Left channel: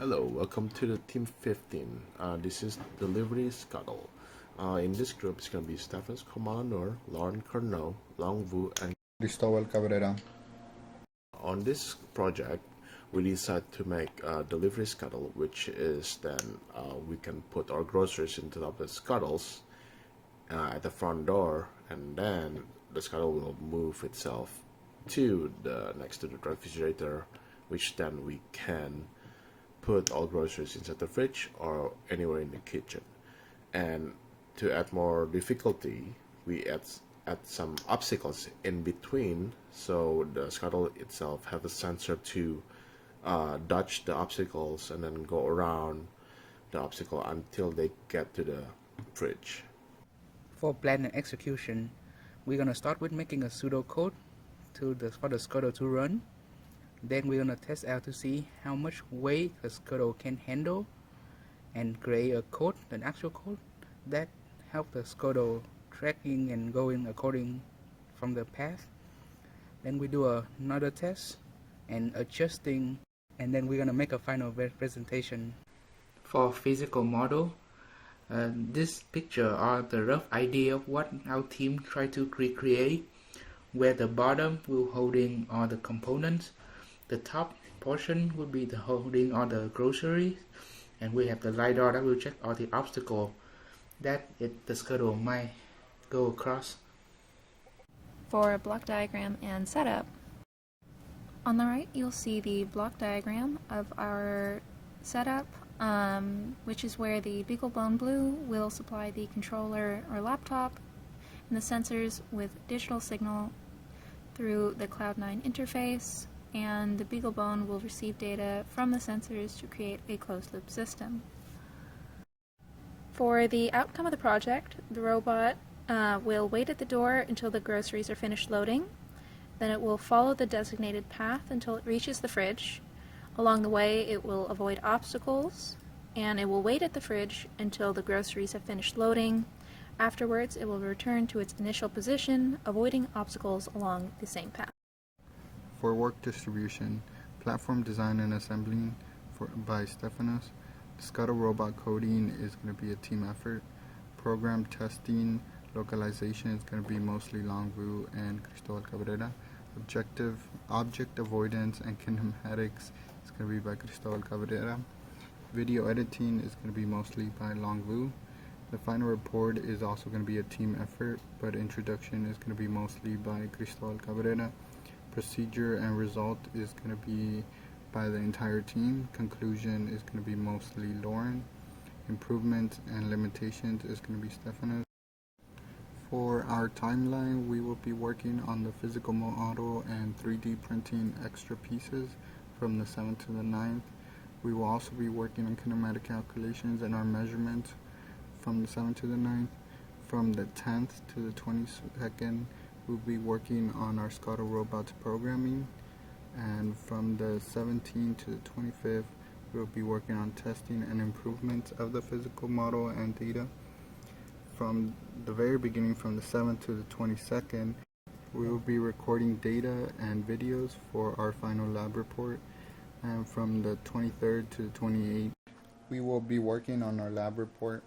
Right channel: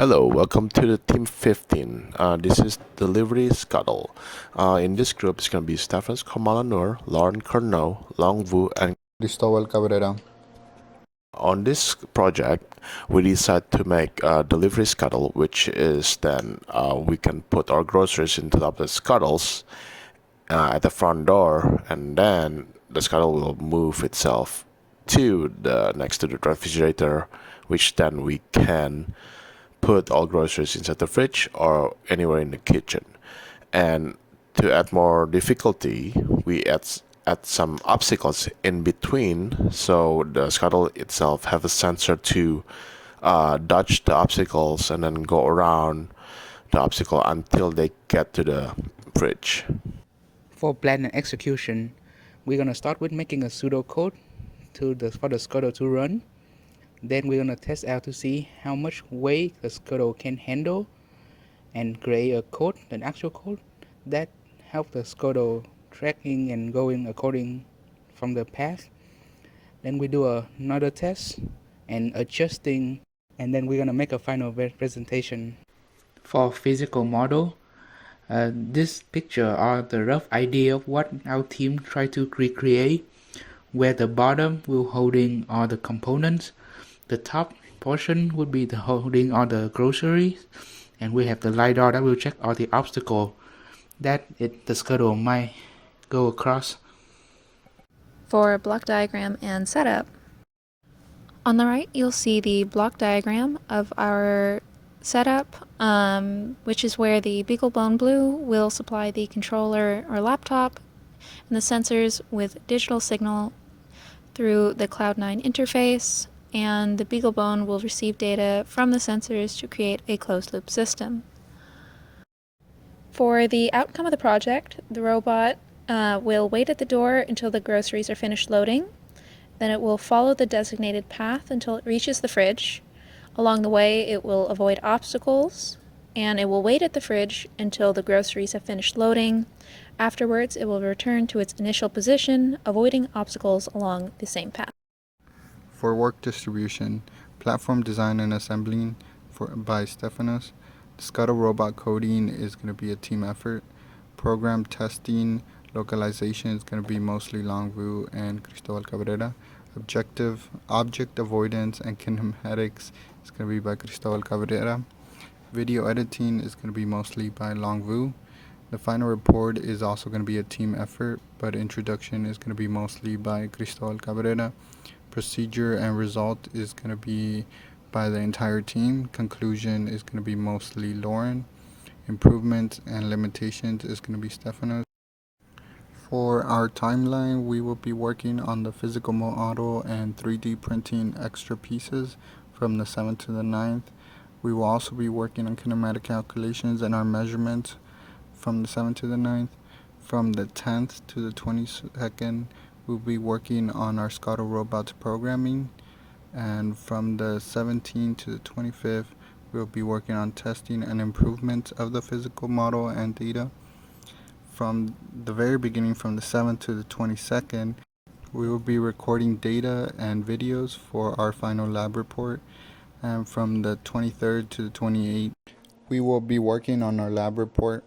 Hello, welcome to the Team 15. This is Delivery Scuttle. In this group, it's going to be Stephens Kamalanur, Lauren Curnow, Long Vu, and Cristóbal Cabrera. on this project, we decided to make a delivery scuttle, which is then we can put our groceries into the scuttles at the front door, and then the scuttle will move itself to the next to the refrigerator, which then we can put all groceries inside the fridge or anywhere in the kitchen. And to add more difficulty, we add some obstacles in between, so the scuttle itself have a sensor to dodge the obstacles and then go around the obstacle until they get to the fridge. For plan and execution, we're gonna start with making a pseudocode for the scuttle to run. Then we're gonna test out to see how much weight the scuttle can handle and create a code, an actual code that help the scuttle tracking and going according from the path. Then we do another test and adjusting, and then we're gonna make a final presentation. For physical model, this picture are the rough idea of what our team try to recreate, where the bottom will holding all the components, the top portion would be the holding all the groceries, and we have the LiDAR that will check all the obstacle that the scuttle might go across. For block diagram and setup, on the right you'll see the block diagram of our setup, which is where the BeagleBone Blue will supply the controller or laptop and the sensors with digital signal through the Cloud9 interface, and the BeagleBone will receive data from the sensors to create a closed-loop system. For the outcome of the project, the robot will wait at the door until the groceries are finished loading. Then it will follow the designated path until it reaches the fridge. Along the way, it will avoid obstacles, and it will wait at the fridge until the groceries have finished loading. Afterwards, it will return to its initial position, avoiding obstacles along the same path. For work distribution, platform design and assembling by Stefanos. The Scuttle robot coding is going to be a team effort. Program testing, localization is going to be mostly Long Vu and Cristóbal Cabrera. Object avoidance and kinematics is going to be by Cristóbal Cabrera. Video editing is going to be mostly by Long Vu. The final report is also going to be a team effort, but introduction is going to be mostly by Cristóbal Cabrera. Procedure and result is going to be by the entire team. Conclusion is going to be mostly Lauren. Improvements and limitations is going to be Stefanos. For our timeline, we will be working on the physical model and 3D printing extra pieces from the 7th to the 9th. We will also be working on kinematic calculations and our measurements from the 7th to the 9th. From the 10th to the 22nd, we'll be working on our Scuttle robots programming, and from the 17th to the 25th, we'll be working on testing and improvements of the physical model and data. From the very beginning, from the 7th to the 22nd, we will be recording data and videos for our final lab report, and from the 23rd to the 28th, we will be working on our lab report.